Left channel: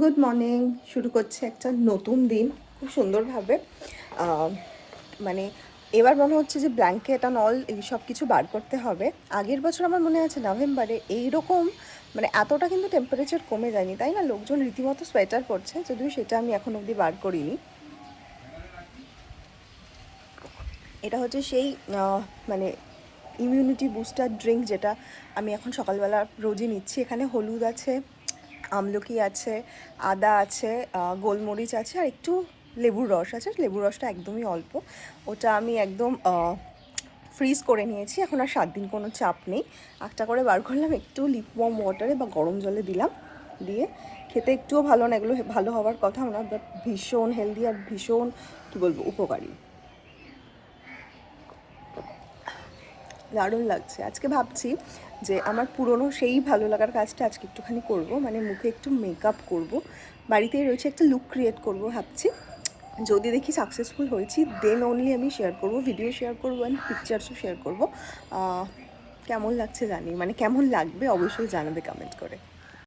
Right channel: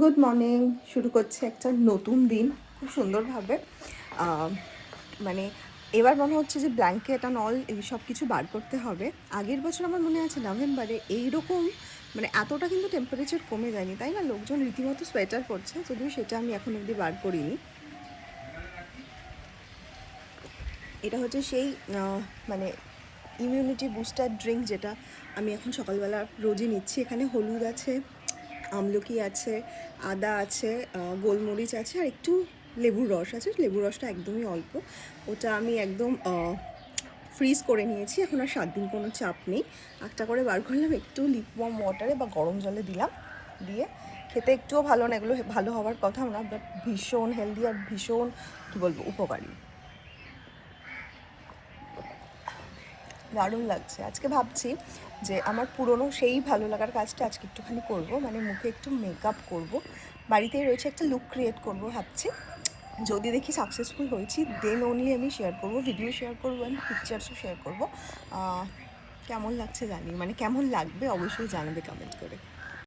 Good morning. শুরু করছে একটা নতুন দিন খুব সুন্দরভাবে। মানে এবার মনে হচ্ছে যে ব্ল্যাঙ্কেট অ্যান্ড অল এই সব কিছু বার করতে হবে। আগের বছর আমার মনে আছে নভেম্বরে এইরকম মানে এতটা কিন্তু টেম্পারেচার কমে যায়নি, তাই না? লোকজন রীতিমতো সোয়েটার পরছে, যদিও সেটা আমি এখন অবধি বার করিনি। এটা হচ্ছে সেই মানে ইমিউনিটি বুস্টার ড্রিঙ্ক যেটা আমি এখন সকালবেলা রোজই নিচ্ছি। এখানে হলুদ আছে, আমলকি আছে, আদা আছে, গোলমরিচ আছে আর একটু লেবুর রস আছে। লেবুর রসটা একদমই অল্প, ওটা আমি একদম ফ্রিজ করে নিয়েছি। এখন আর 7 দিন কোনো চাপ নেই। একটা করে বার করলাম, একটু লিপওয়ার্ম ওয়াটারে বা গরম জলে দিলাম, দিয়ে খেতে একটুও ভালো না, এগুলো ভালো হওয়ার কথাও না, বাট ভীষণ হেলদি আর ভীষণ কী বলবো উপকারী। দারুণ লাগছে। আজকে ভাবছি যে আমার পুরনো সেই ভালো লাগার কাজটা আজকে একটুখানি করব, মানে মুখে একটু মেকআপ করব, বাড়িতেই রয়েছে একটা লুক ক্রিয়েট করব ভাবছি। যদি দেখি সাকসেসফুল হয়েছি দেন অনলি আমি শেয়ার করব, ভিডিও শেয়ার করবো অ্যান্ড পিকচার্সও শেয়ার করবো। কেমন লাগছে জানি, মানে কেমন লাগবে অবশ্যই জানাবে কমেন্ট করে।